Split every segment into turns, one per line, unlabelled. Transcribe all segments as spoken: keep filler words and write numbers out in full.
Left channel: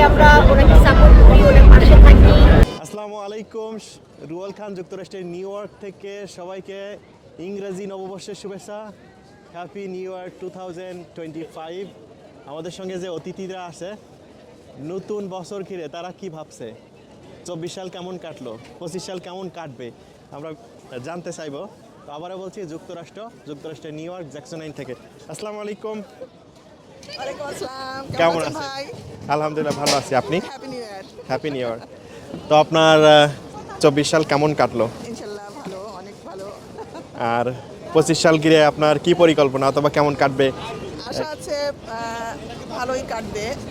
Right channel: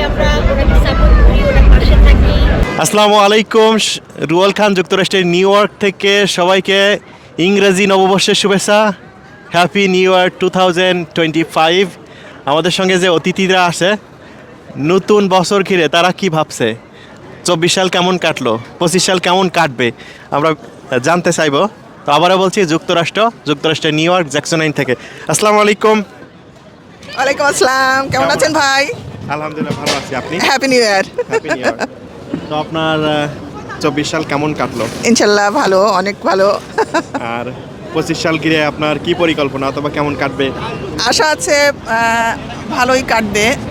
আমরা ওনাকে সাপোর্ট করি, ওনার পাশে থাকি।
আসসালামু আলাইকুম, রুয়েল খান যুক্তরাষ্ট্রের নিউ ইয়র্ক থেকে সবাইকে ইংরেজি নববর্ষের শুভেচ্ছা। Happy new year two thousand twenty five. আমাদের সঙ্গে যে অতিথিরা আসে নতুন বছর ঘিরে তারা কি ভাবছে, চব্বিশ সাল কেমন কাটলো, পঁচিশ সাল কেমন কাটবে আমরা জানতে চাইবো। তো আবারও বলছি যুক্তরাষ্ট্র যুক্তরাষ্ট্রের নিউ ইয়র্ক জ্যাকসন আইন থেকে। আসসালামু আলাইকুম।
ওয়ালাইকুম আসসালাম, কেমন আছেন ভাই?
আলহামদুলিল্লাহ ভালো আছি, আপনি?
Happy new year.
Happy new year. তো আপনার চব্বিশ সাল কেমন কাটলো?
ইনশাল্লাহ ভালো, অনেক ভালো।
আর পঁচিশ সাল ঘিরে আপনার কি পরিকল্পনা অথবা কেমন কাটবে?
আশা আছে আহ, ভালোই কাটবে। আহ,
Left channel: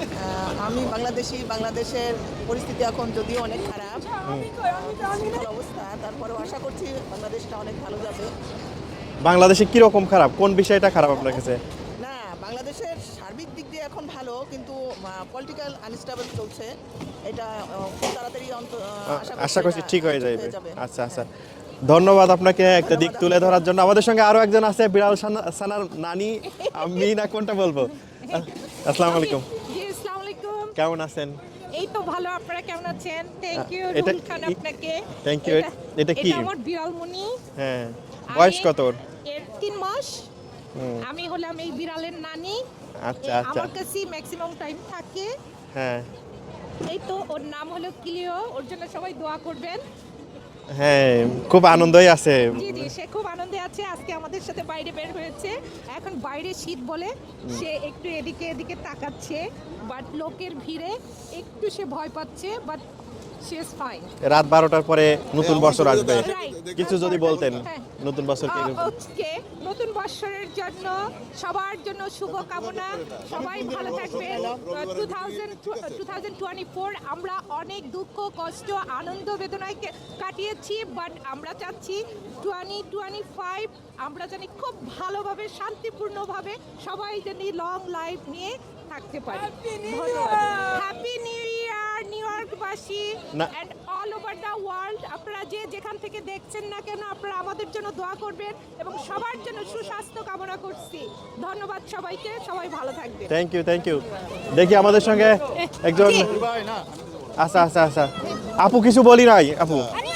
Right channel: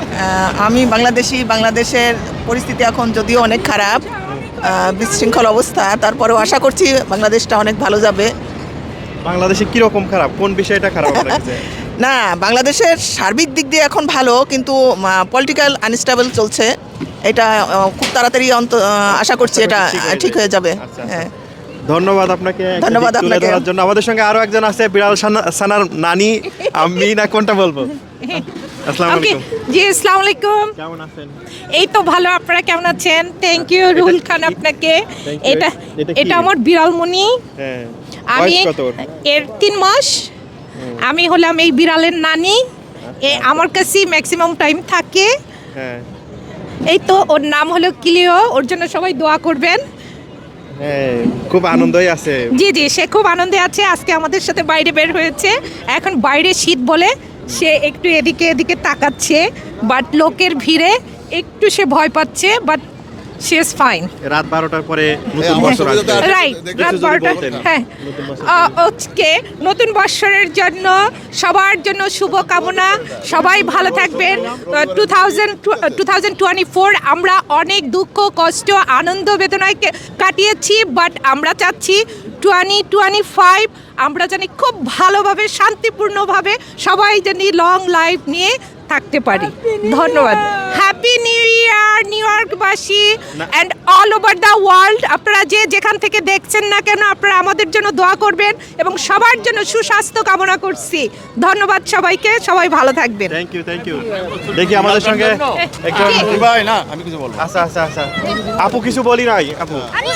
আমি বাংলাদেশি, বাংলাদেশের পরিস্থিতি এখন যদিও অনেক খারাপ, আহ, বিশৃঙ্খল অবস্থা, তারপরেও আশা করছি বাংলাদেশটা অনেক ভালো যাবে।
বাংলাদেশে কিরকম খারাপ, কোন বিষয়টা খারাপ আপনার কাছে?
না, বাংলাদেশের সার্বিক দিক দিয়ে এখন ভালো, কিন্তু পলিটিক্যাল আনস্টেবল চলছে। এটা আহ, খুব তাড়াতাড়ি অন্ত আহ, আশা করছি এটা ঠিক হয়ে যাবে।
আচ্ছা, আচ্ছা।
হ্যাঁ,
ধন্যবাদ আপনাকে একটা
ধন্যবাদ
দিক তুলে
আপনাকে।
ধরার জন্য। আমাদের সঙ্গে আরো একজন আছে, বিড়াল সানা- সানার নানি। আমি না কোনটা বলবো? আসসালামু
ওকে,
আলাইকুম,
জি আসসালামু আলাইকুম।
কেমন আছেন?
এই তো ভালো, আপনারা কেমন আছেন? থ্যাংক ইউ রুহুল খান আপনাকে।
Thank you.
এটা
এটা কি?
এটা আমার বিড়ালমণি।
হ্যাঁ,
আমি
বয়স কত ওর?
এর তিন মাস। আমি হলাম এই বিড়ালের নানি।
আচ্ছা,
এ
আচ্ছা।
আমার কাছে ম্যাক্সিমাম টাইম থাকে।
হ্যাঁ
এই তো ওর নাম হলো কিলিও, ওর জন্য সবাই দোয়া করবেন।
হ্যাঁ, খুব আনন্দই আছে।
জি জি, সে খুব আনন্দে আছে। আজকে আমাদের সাথে বাইরে বের হয়েছে। এখন বাইরে শীত বলে সে একটু এদিকে এদিকে তাকাচ্ছে, বাট লোকের ভিড়ে একটু সে ভয় পাচ্ছে, বাট সে ইজ ফাইন।
রাত বারোটার পরে নতুন বছর আসবে।
রাইট, রাত
যদি
বারোটা।
বলতেন।
হ্যাঁ,
নতুন বছর
আজকে নতুন বৎসরের জন্য সবার জন্য শুভ কামনা। সবাই ভালো থাকবেন। Two thousand two thousand twenty four আমরা অনেক দুঃখ কষ্ট আনন্দ বেদনায় কে- কাটিয়েছি, বাট আমরা চাচ্ছি টোয়েন্টি টোয়েন্টি ফাইভ আমরা জানি খুব ভালোভাবে শান্তিপূর্ণভাবে সবাই জানি লং লাইফ নিয়ে থাকতে পারি। ধন্যবাদ। হ্যাপি নিউ ইয়ার নিউ ইয়র্কবাসী and all over the world. আপনারা যে যেখান থেকে দেখছেন না কেন, আপনারা আমাদের জন্য দোয়া করবেন এবং সবার জন্য সুস্বাস্থ্য কামনা করছি। ধন্যবাদ সবাইকে, সবাই ভালো থাকবেন।
Thank you, thank you. দেখি আমাদের সঙ্গে একজন। আচ্ছা আচ্ছা আচ্ছা, আপু কিছু বলি নাই। আপু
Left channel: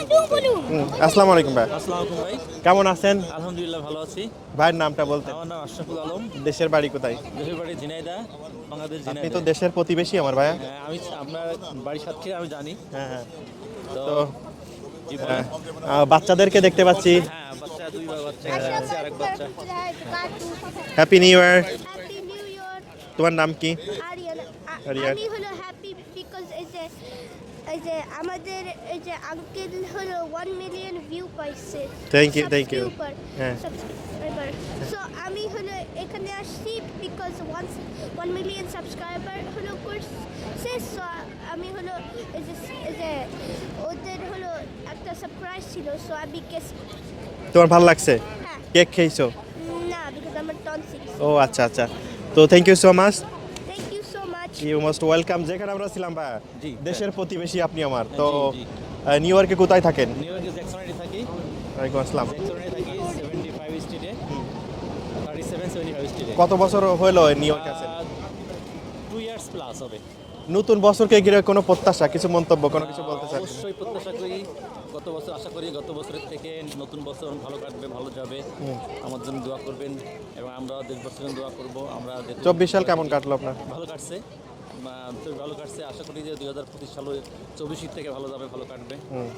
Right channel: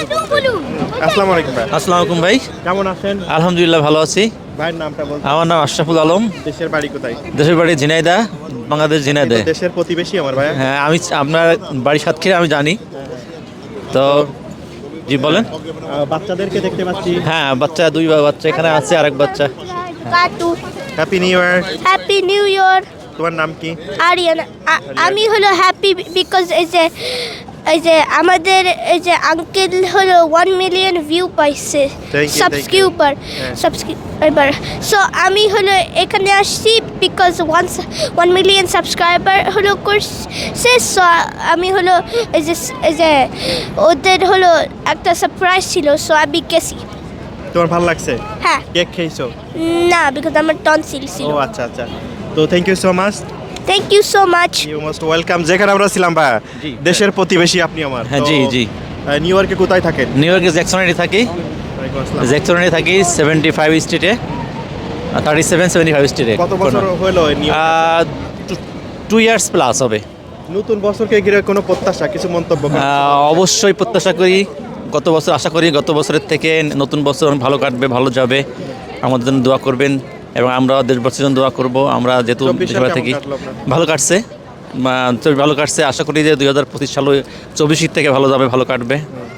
আসসালামু আলাইকুম ভাই।
আসসালামু আলাইকুম ভাই,
কেমন আছেন?
আলহামদুলিল্লাহ ভালো আছি।
ভাইয়ের নামটা বলুন।
আমার নাম আশরাফুল আলম,
দেশের বাড়ি কোথায়?
দেশের বাড়ি ঝিনাইদহ, বাংলাদেশ ঝিনাইদহ।
কিন্তু দেশের প্রতিবেশী আমার ভাই।
হ্যাঁ, আমি আপনার বাড়ি সাতক্ষীরা আমি জানি। তো জি বলেন।
আহ, বাচ্চাদেরকে দেখতে পাচ্ছি।
হ্যাঁ, বাচ্চা দুই বা- বাচ্চা এখানে আছে, আরেক বাচ্চা।
Cartoon
happy new year.
Happy new year.
তোমার নাম কি?
আরিয়ান, আমি হলো হ্যাপি বিকজ এই যে এই যে আমাদের এই যে আঙ্কেল হলো ওয়ান মিলিয়ন ভিউ পাইছে
Thank you, thank you.
Subscriber
হ্যাঁ।
সাবস্ক্রাইবার সো আমি হলো এখানে আসছি because one one million subscriber হলো করছে। সো আমি হলো এই যে এই যে ওদের হলো একটা সারপ্রাইজ ছিল, সো আমি গেছি।
তোমার ভালো লাগছে?
হ্যাঁ,
কেক খেয়েছো?
না বিকজ আমার টনসিল ছিল।
ও আচ্ছা আচ্ছা। তো thank you so much.
Thank you so much.
You most welcome. যেখানে আমরা ছিলাম বা
জি।
দেশের প্রতিবেশী আপনি আমার।
হ্যাঁ,
তো,
জি, জি।
আহ, নিউ ইয়র্কে কোথায় থাকেন?
নিউ ইয়র্কে জ্যাকসনে থাকি।
ওয়ালাইকুম আসসালাম।
জ্যাকসনে থাকি সেভেন্টি ফাইভ স্ট্রিটে, থার্টি সেভেন সেভেন্টি ফাইভ স্ট্রিটে।
কত বছর হলো এই New York?
Two years plus হবে।
নতুন বছরকে ঘিরে কোনো প্রত্যাশা, কিছু মন্তব্য করুন।
আহ, অবশ্যই প্রত্যাশা করি, গত বছর আশা করি গত বছরের থেকে নতুন বছর অনেক ভালো কাটবে, ভালো যাবে। আমাদের জন্য দোয়া করবেন এবং আমরা দেশবাসীর জন্য দোয়া করব। আমরা যেহেতু
চব্বিশ সাল
দেশে
কেমন
থাকি,
কাটলো আপনার?
ভালো কাটছে, বা চব্বিশ ভালো কাটছে। আশা করি যে দুই হাজার পঁচিশ সাল চব্বিশের থেকে ভালো যাবে, ভালো কাটবে।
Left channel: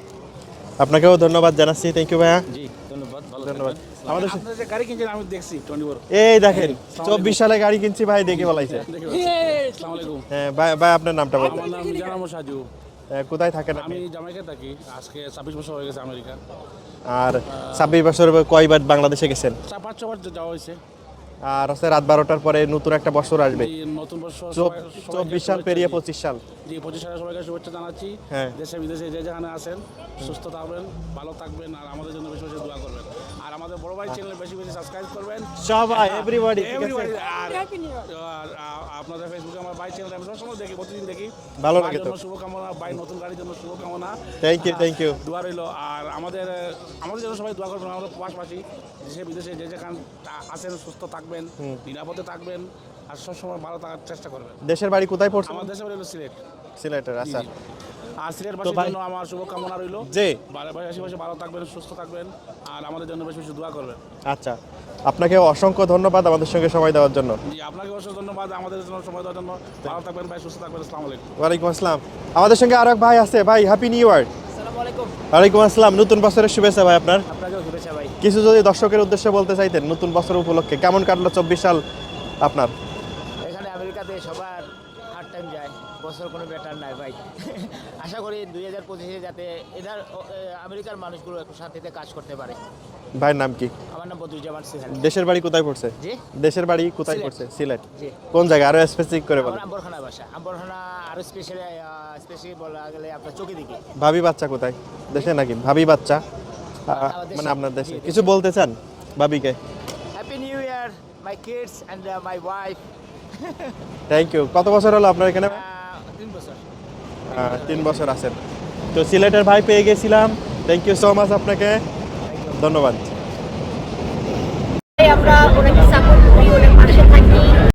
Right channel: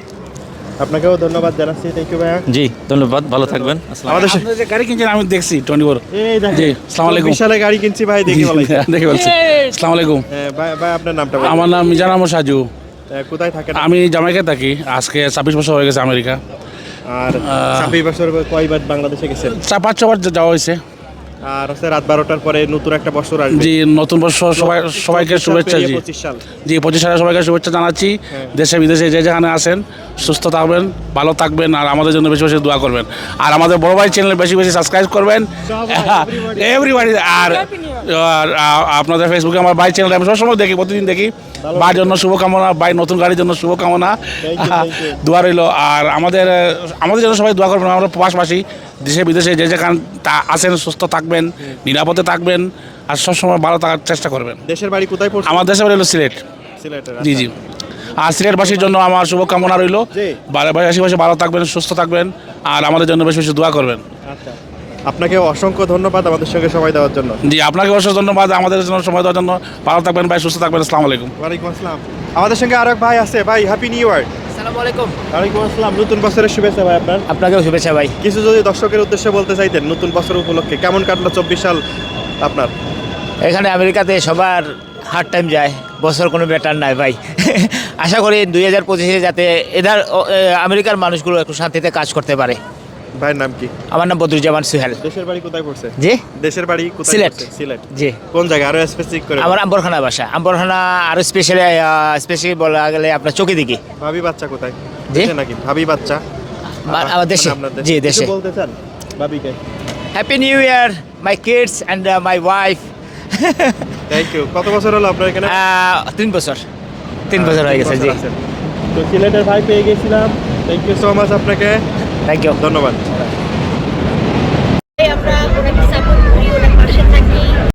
আপনাকেও ধন্যবাদ জানাচ্ছি। থ্যাংক ইউ ভাইয়া।
জি ধন্যবাদ, ভালো থাকবেন।
আমাদের সা-
আপনারা যে গাড়ি কিনছেন আমি দেখছি টোয়েন্টি ফোর।
এই দেখেন,
জি, আসসালামু আলাইকুম।
চব্বিশ সালে গাড়ি কিনছি ভাই, দেখে বলাই।
দেখে বলছি। আসসালামু আলাইকুম,
ভাই ভাই, আপনার নামটা বলুন।
আমার নাম মিজান আহমদ সাজু।
আহ, কোথায় থাকেন?
আমি জামাইকায় থাকি। আজকে ছাব্বিশ বছর হয়ে গেছে আমেরিকা।
আর ছাব্বিশ বছর কয়বার বাংলাদেশে গেছেন?
চার পাঁচ ছবার যাওয়া হয়েছে।
আর হচ্ছে রাত বারোটার পরে নতুন একটা বছর আসবে।
জি, নতুন বছর সবাই সবাইকে শুভেচ্ছা। জি
পঁচিশ সাল।
জি পঁচিশ সালে সবাইকে শুভেচ্ছা জানাচ্ছি। দেশে বিদেশে যে যেখানে আছেন সুস্থ থাকবেন, ভালো থাকবেন, আর আমাদের জন্য বেশি বেশি দোয়া করবেন। আর আমাদের বড় ভাই চ্যানেল বেশি বেশি সাবস্ক্রাইব করবেন, এভরিবাডি। আর আর, আ- আপনাদের ফেসবুকে আমার ভাই চ্যানেল আমি সবসময় দেখি, প্রতিদিন দেখি। ভাইয়ের জন্য শুভকামনা, ভাই নতুন গাড়ির জন্য শুভকামনা,
Thank you, thank you.
দোয়া রইল। আর আমাদের আমাদের জন্য সবাই দোয়া করবেন। আমরা প্রবাসবাসী দেশে বিদেশে যে যেখানে তা আছেন সুস্থ থাকবেন, নিরাপদে থাকবেন, আর সবসময় ভালো থাকার চেষ্টা করবেন।
দেশের বাড়ি কোথায় পড়ছে?
আমার দেশের বাড়ি হলো সিলেট।
সিলেটের।
জি জি। আর সিলেটবাসীর জন্য আমার শুভকামনা রইল,
জি।
আশেপাশে ভালো থাকবেন, সুস্থ থাকবেন, আর আমাদের জন্য বেশি বেশি দোয়া করবেন।
আচ্ছা, আপনাকে অসংখ্য ধন্যবাদ আমাদের সঙ্গে সময় দেওয়ার জন্য।
জি, আপনাকে অবশ্যই ধন্যবাদ আমাদের জন্য সময় দেওয়ার জন্য। ভালো থাকবেন ভাই, সুস্থ থাকবেন। আসসালামু আলাইকুম।
ওয়ালাইকুম আসসালাম। আমাদের সঙ্গে আরেক ভাই আছে। ভাই, হ্যাপি নিউ ইয়ার।
আসসালামু আলাইকুম।
ওয়ালাইকুম আসসালাম। নতুন বছরের শুভেচ্ছা ভাই আপনার।
আপনাকেও শুভেচ্ছা ভাই।
কিছু যদি দর্শকের উদ্দেশ্যে বলতে চাইতেন নতুন বছর উপলক্ষে, কেমন কাটলো চব্বিশ সাল আপনার?
এখানে আমেরিকাতে সবার হার্ড টাইম যায়, বছর কোনো ব্যাটার নাই ভাই। আশা করি দুই হাজার পঁচিশে যাতে এধার ও, এ, আমেরিকার মানুষগুলো একটু শান্তিতে কাজ করতে পারে।
ভাইয়ের নাম কি?
আমার নাম বদরুজ্জামান সুহেল।
দেশের বাড়ি কোথায় পড়ছে?
জি,
দেশের বাড়ি কোথায়
সিলেট।
পড়ছে? সিলেট।
জি।
কোন জায়গা আরো স্পেসিফিক করে?
আমার আম্বরখানা বাসা। আম্বরখানা আরও স্পেশালি স্পেশালি বলা গেলে আপনার চোখে দিকে।
ভাবি বাচ্চা কোথায়?
জি?
দেশে নাকি ভাবি বাচ্চা?
বা- আমার দেশে।
মানে আপনার
জি,
কিছু
দেশে।
বলতে চান ভাবিকে?
Happy new year my kids and my wife.
Thank you. কত বছর হলো আপনার এখানে?
তিন বছর তিন বছর হয়ে গেছে। জি,
তো সিলেটের ভাই পেয়ে গেছিলাম। থ্যাংক ইউ সো মাচ আপনাকে।
Thank you.
ধন্যবাদ।